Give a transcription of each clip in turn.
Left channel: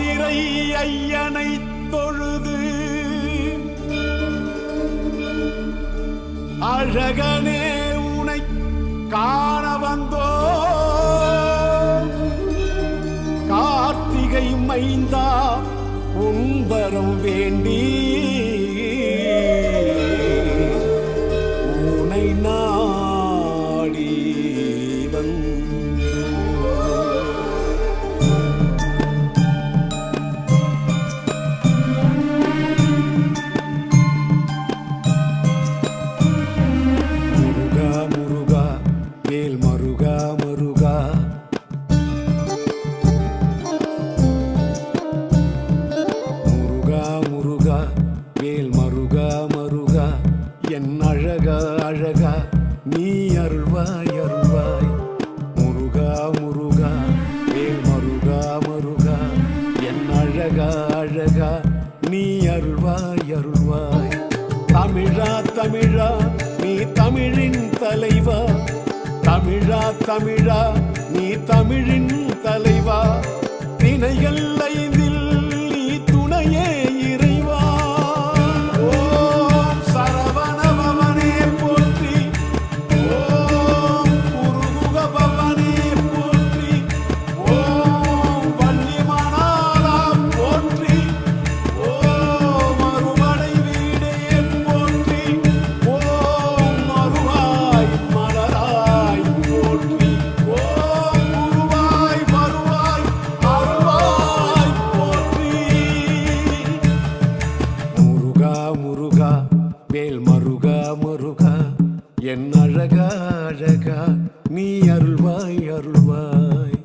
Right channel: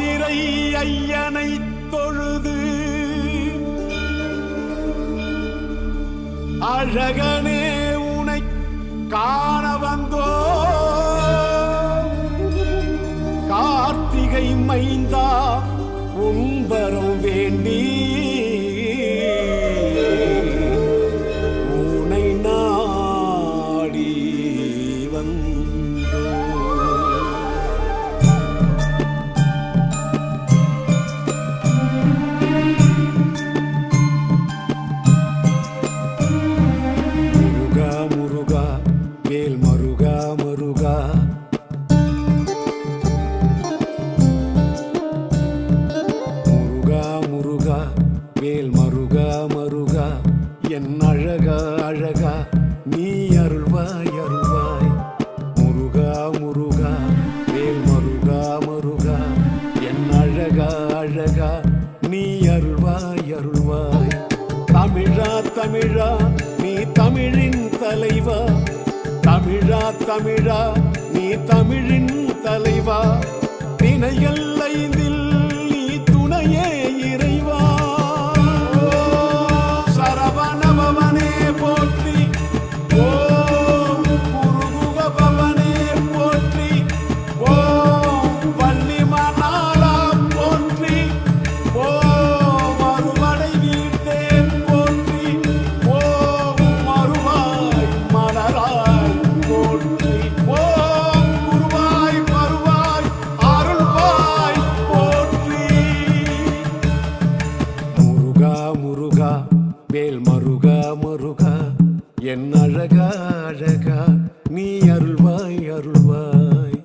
மதுரை ஐயனை தொழுது அழகனே உனை காண வந்தோ கார்த்திகை மைந்தா உன்பரம் வேண்டி உனை நாடி வந்தோ. முருகா முருகா வேல் மருகா மருகா முருகா வேல் மருகா மருகா என் அழகா அழகா நீ அருள்வாய் அருள்வாய். முருகா முருகா வேல் மருகா மருகா என் அழகா அழகா நீ அருள்வாய் அருள்வாய். தமிழா தமிழா நீ தமிழின் தலைவா, தமிழா தமிழா நீ தமிழின் தலைவா, திணைகள் ஐந்தில் நீ துணையே இறைவா. சரவணபவனே போற்றி, ஓம் குருமுகபவனே போற்றி, ஓம் வள்ளிமணாளா போற்றி, ஓம் அருமலை வீடே போற்றி, ஓம் மருவாய் மலராய் போற்றி, ஓம் குருவாய் வருவாய் அருள்வாய் போற்றி. முருகா முருகா வேல் மருகா மருகா என் அழகா அழகா நீ அருள்வாய் அருள்வாய்.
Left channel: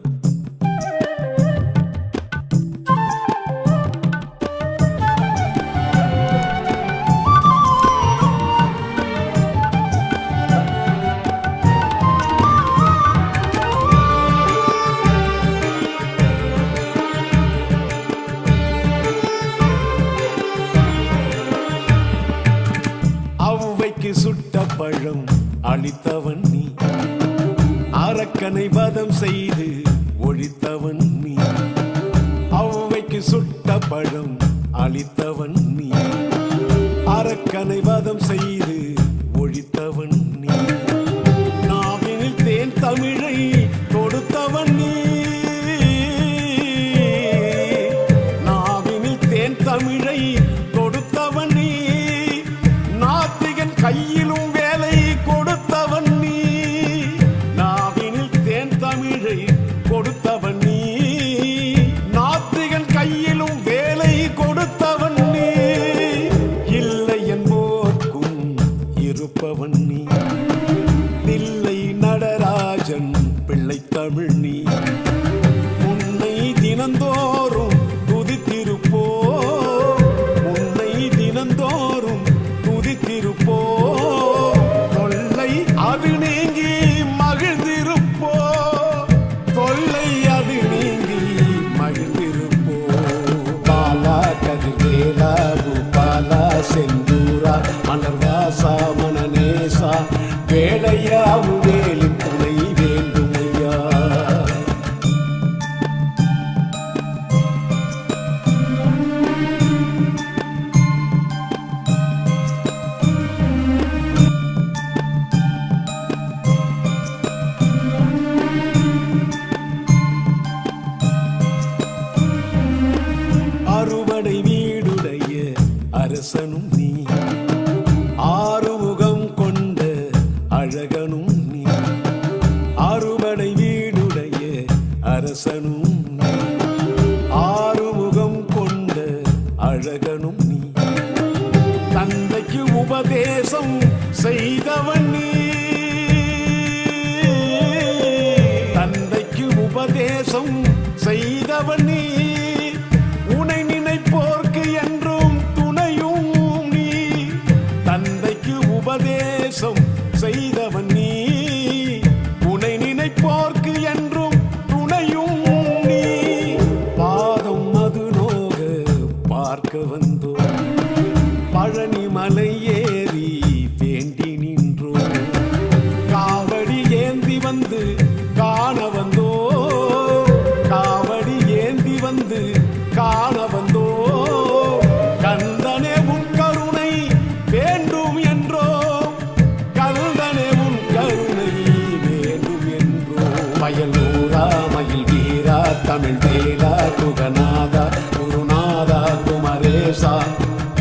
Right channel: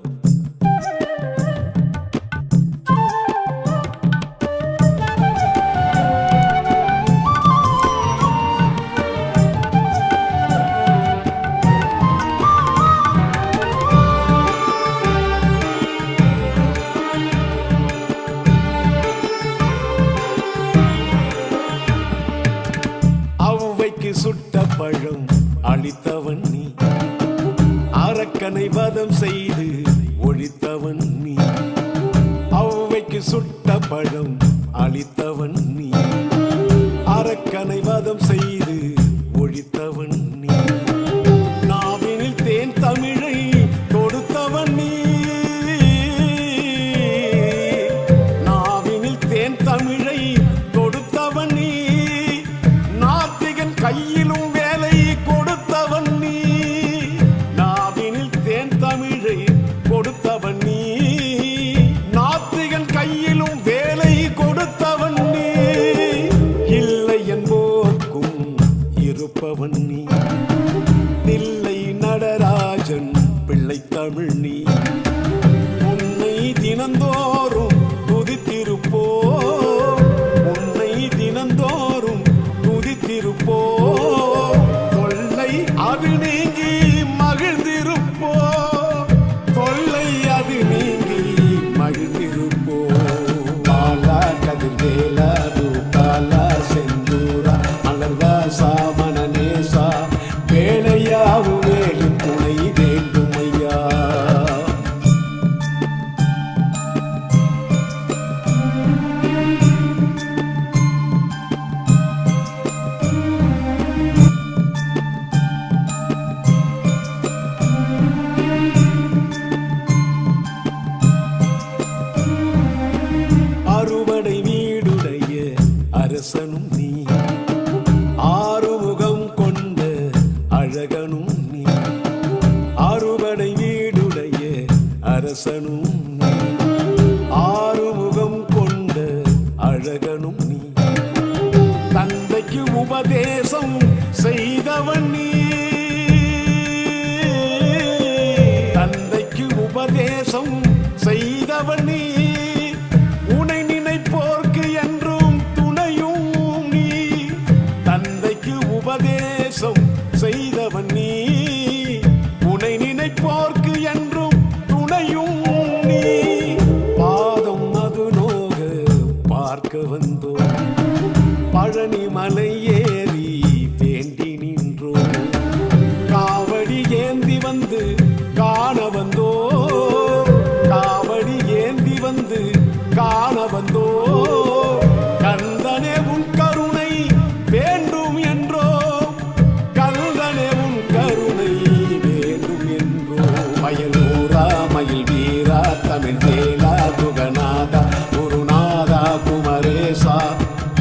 ஔவைக்கு சுட்ட பழம் அளித்தவன் நீ, அரக்கனை வதம் செய்து ஒழித்தவன் நீ. ஔவைக்கு சுட்ட பழம் அளித்தவன் நீ, அரக்கனை வதம் செய்து ஒழித்தவன் நீ. நாவினில் தேன் தமிழை தொடுத்தவன் நீ, நாவினில் தேன் தமிழை தொடுத்தவன் நீ. நாத்திகன் கையிலும் வேலை கொடுத்தவன் நீ, நாவினில் தேன் தமிழை கொடுத்தவன் நீ. நாத்திகன் கையிலும் வேலை கொடுத்தவன் நீ, இல்லை என்போர்க்கும் இருப்பவன் நீ. தில்லை நடராஜன் பிள்ளை தமிழ் நீ, உன்னை தினந்தோறும் துதித்திருப்போ, உன்னை தினந்தோறும் துதித்திருப்போ, தொல்லை அது நீங்கி மகிழ்ந்திருப்போ, தொல்லை அது நீங்கி மகிழ்ந்திருப்போ. பாலா கதிர்வேலா ரூபாலா செந்தூரா அனதா சாமனேசா வேலையா உன்மேலி துணை வேண்டுமையா. அறுபடை வீடுடைய அரசனும் நீ, ஆறுமுகம் கொண்ட அழகனும் நீ. அறுபடை வீடுடைய அரசனும் நீ, ஆறுமுகம் கொண்ட அழகனும் நீ. தந்தைக்கு உபதேசம் செய்தவன் நீ, தந்தைக்கு உபதேசம் செய்தவன் நீ. உனை நினைப்போர்க்கு என்றும் துணையும் நீ, தந்தைக்கு உபதேசம் செய்தவன் நீ. உனை நினைப்போர்க்கு என்றும் துணையும் நீ. பாதம் மது நோக பார்க்க வந்தோ, பழனி மலை ஏறி வேண்டி நின்றோ. காவடி ஏந்தி வந்து காண வந்தோ, காவடி ஏந்தி வந்து காண வந்தோ கந்தனே உன் கருணை வேண்டும் என்றோ கந்தனே உன் கருணை வேண்டும் என்றோ மயில் ஊரா மயில் வீரா தமிழ் வேலா குகநாதா குருநாதா குமரேசா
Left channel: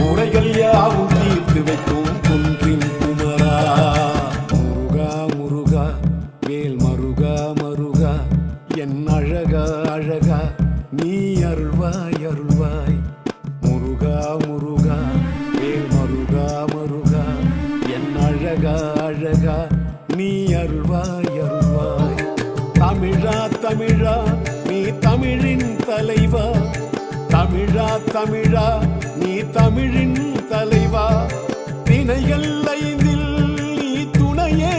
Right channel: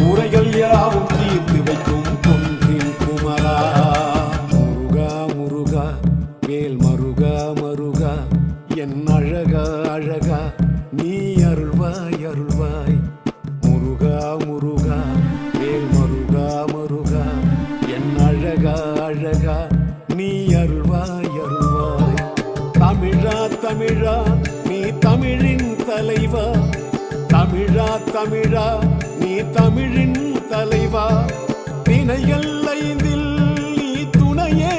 உரைகள் யாவும் தீர்த்து வைக்கும் குன்றின் குமரா முருகா முருகா வேல் மருகா மருகா என் அழகா அழகா நீ அருள்வாய் அருள்வாய் முருகா முருகா வேல் மருகா மருகா என் அழகா அழகா நீ அருள்வாய் அருள்வாய் தமிழா தமிழா நீ தமிழின் தலைவா தமிழா தமிழா நீ தமிழின் தலைவா திணைகள் ஐந்தில் நீ துணையே